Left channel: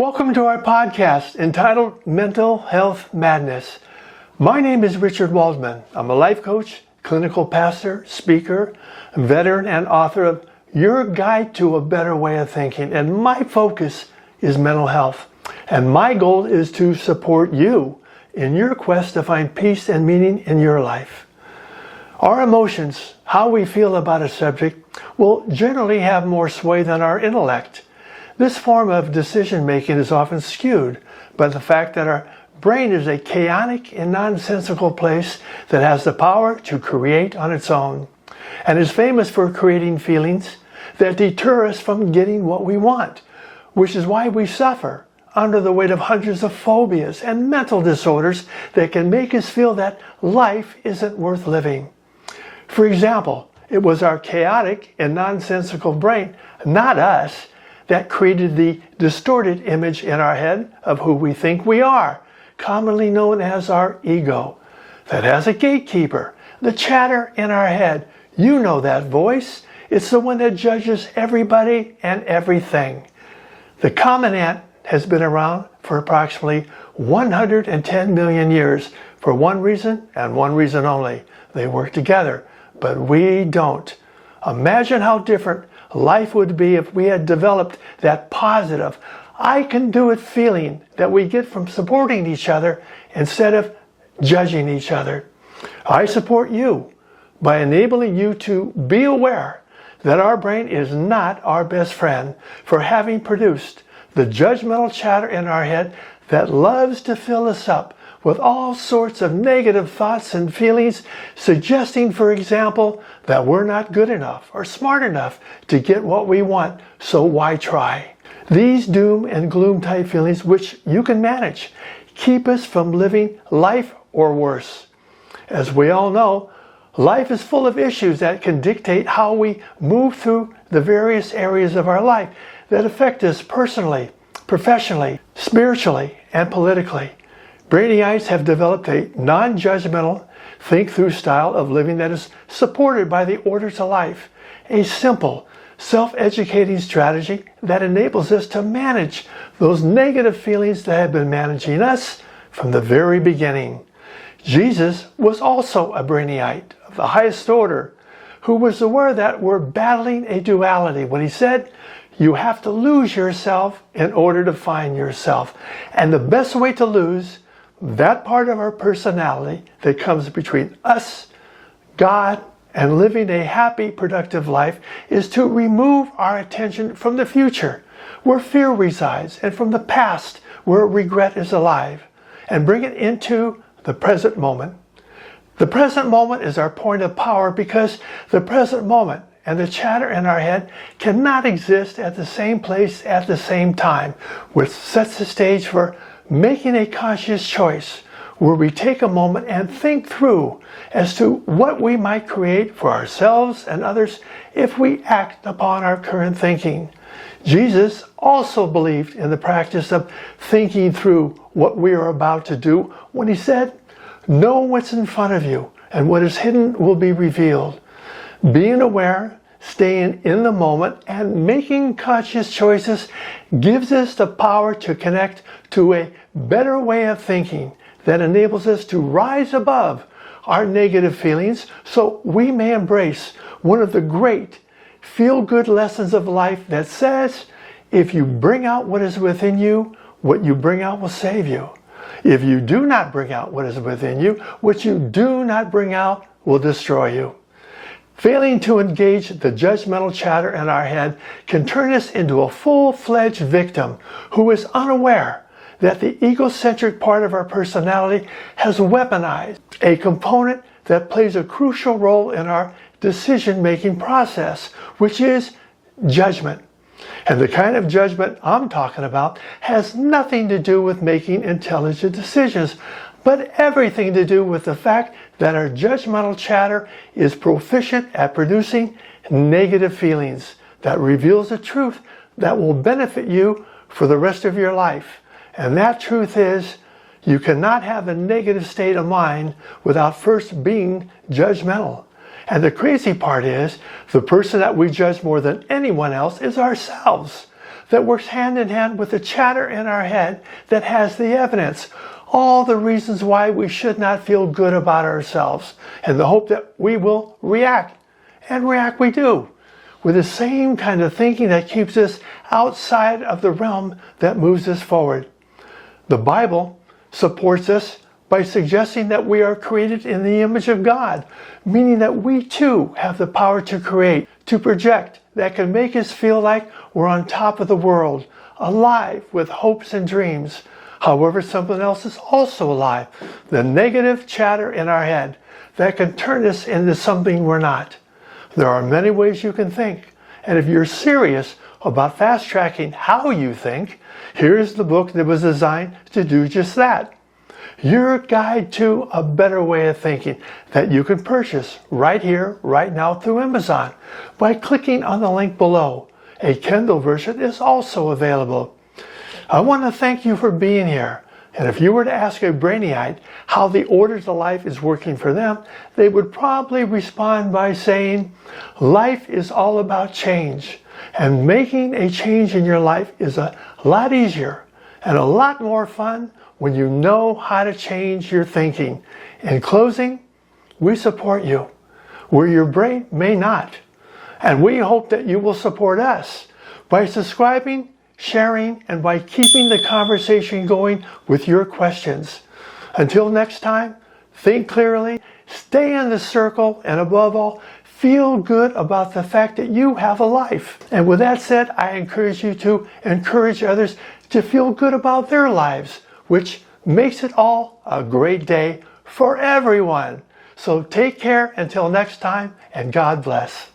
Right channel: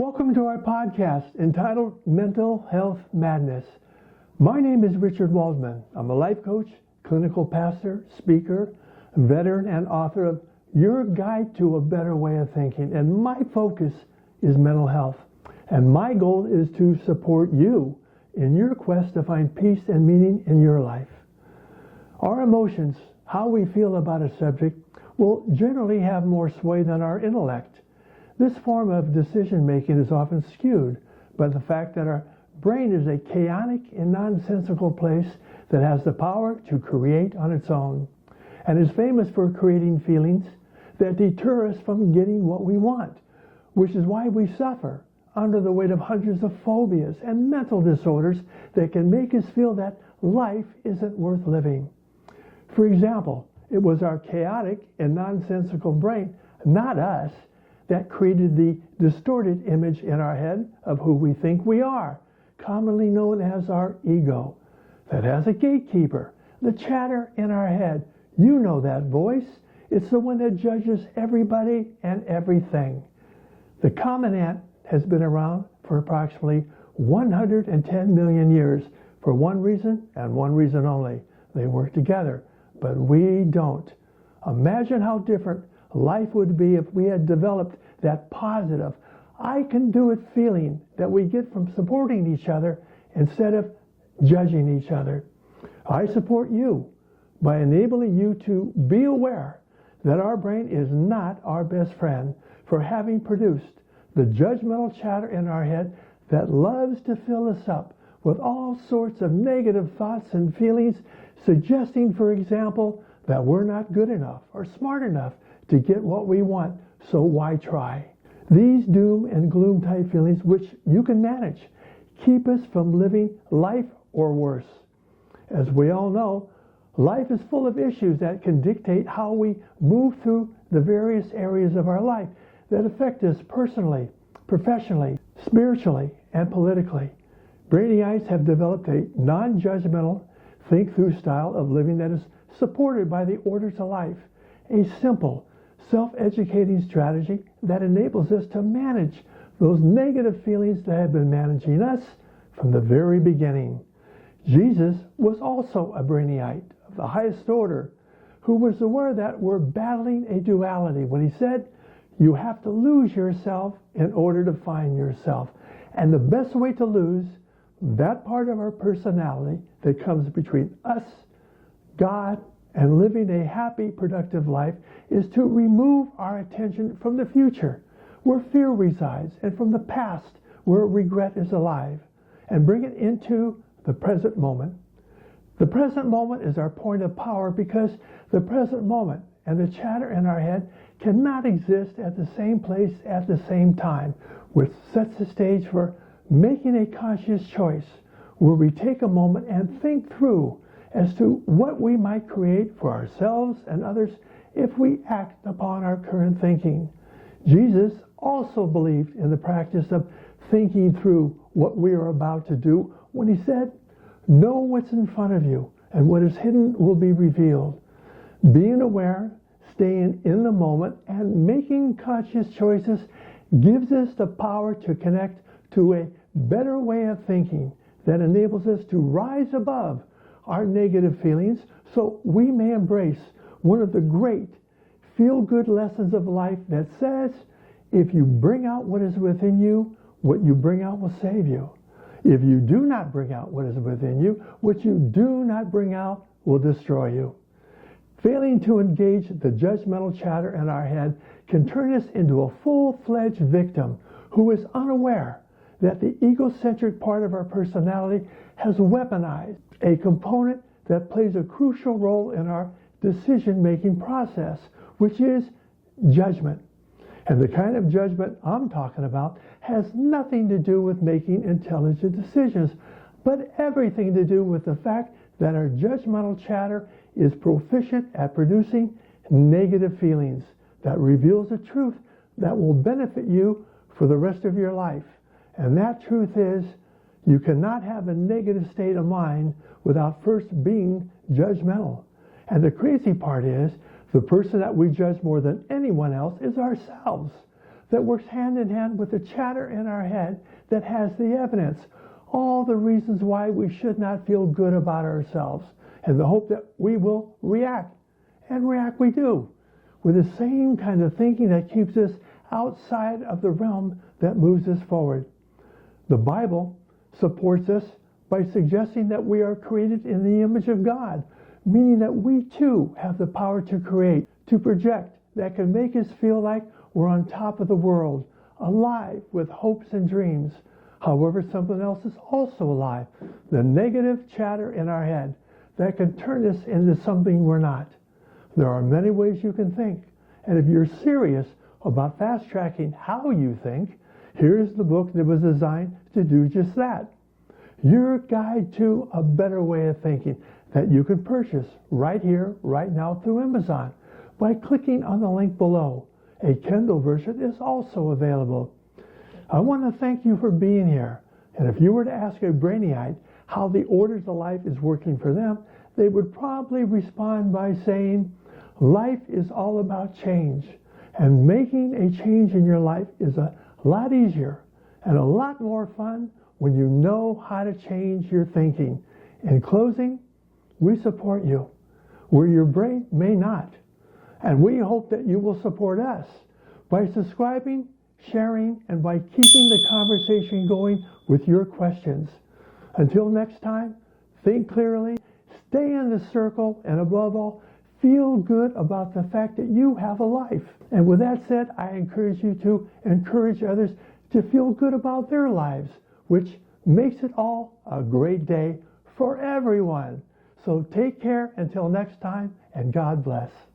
Welcome to our podcast entitled Mental Health Madness. My name is Richard Waldman. I'm a life coach, clinical pastor, speaker, veteran, and author of Your Guide to a Better Way of Thinking. And my focus is mental health. And my goal is to support you in your quest to find peace and meaning in your life. Our emotions, how we feel about a subject, will generally have more sway than our intellect. This form of decision-making is often skewed by the fact that our brain is a chaotic and nonsensical place that has the power to create on its own, and is famous for creating feelings that deter us from getting what we want, which is why we suffer under the weight of hundreds of phobias and mental disorders that can make us feel that life isn't worth living. For example, it was our chaotic and nonsensical brain, not us, that created the distorted image in our head of who we think we are, commonly known as our ego, that has a gatekeeper, the chatter in our head. You know that voice. It's the one that judges everybody and everything. The common ant has been around for approximately 110 million years for one reason and one reason only. They work together, but we don't. Imagine how different life would be if we had developed that positive, I can do it feeling that we get from supporting each other instead of judging each other. I support you by enabling you to be aware that our brain is not our best friend for having produced the judgmental chatter in our head that loves to fill us up with all sorts of negative thoughts and feelings, suggesting, for example, that we're not good enough or smart enough to get what we want, so why try? These doom and gloom type feelings, which you can manage, keep us from living life or worse. As we all know, life is full of issues that can dictate how we move through the various areas of our life that affect us personally, professionally, spiritually, and politically. Brainyites have developed a non-judgmental, think-through style of living that is supported by the order to life, a simple, self-educating strategy that enables us to manage those negative feelings that have been managing us from the very beginning. Jesus was also a Brainite of the highest order, who was aware that we're battling a duality when he said, you have to lose yourself in order to find yourself. And the best way to lose that part of our personality that comes between us, God, and living a happy, productive life is to remove our attention from the future, where fear resides, and from the past, where regret is alive, and bring it into the present moment. The present moment is our point of power because the present moment and the chatter in our head cannot exist at the same place at the same time, which sets the stage for making a conscious choice where we take a moment and think through as to what we might create for ourselves and others if we act upon our current thinking. Jesus also believed in the practice of thinking through what we are about to do when he said, know what's in front of you and what is hidden will be revealed. Being aware, staying in the moment, and making conscious choices gives us the power to connect to a better way of thinking that enables us to rise above our negative feelings so we may embrace one of the great feel-good lessons of life that says, if you bring out what is within you, what you bring out will save you. If you do not bring out what is within you, what you do not bring out will destroy you. Failing to engage the judgmental chatter in our head can turn us into a full-fledged victim who is unaware that the egocentric part of our personality has weaponized a component that plays a crucial role in our decision-making process, which is judgment. And the kind of judgment I'm talking about has nothing to do with making intelligent decisions, but everything to do with the fact that our judgmental chatter is proficient at producing negative feelings that reveals the truth that will benefit you for the rest of your life. And that truth is, you cannot have a negative state of mind without first being judgmental. And the crazy part is, the person that we judge more than anyone else is ourselves. that works hand in hand with the chatter in our head that has the evidence, all the reasons why we should not feel good about ourselves, and the hope that we will react. And react we do, with the same kind of thinking that keeps us outside of the realm that moves us forward. The Bible supports us by suggesting that we are created in the image of God, meaning that we too have the power to create, to project, that can make us feel like we're on top of the world, alive with hopes and dreams. However, something else is also alive, the negative chatter in our head that can turn us into something we're not. There are many ways you can think, and if you're serious about fast-tracking how you think, here's the book that was designed to do just that. Your Guide to a Better Way of Thinking, that you can purchase right here, right now through Amazon by clicking on the link below. A Kindle version is also available. I want to thank you for being here. And if you were to ask a Brainyiite how the order to life is working for them, they would probably respond by saying, life is all about change. And making a change in your life is a lot easier and a lot more fun when you know how to change your thinking. In closing, we support you where your brain may not. And we hope that you will support us by subscribing, sharing, and by keeping the conversation going with your questions. Until next time, think clearly, stay in the circle, and above all, feel good about the fact that you have a life. And with that said, I encourage you to encourage others to feel good about their lives, which makes it all a great day for everyone. So take care until next time, and God bless.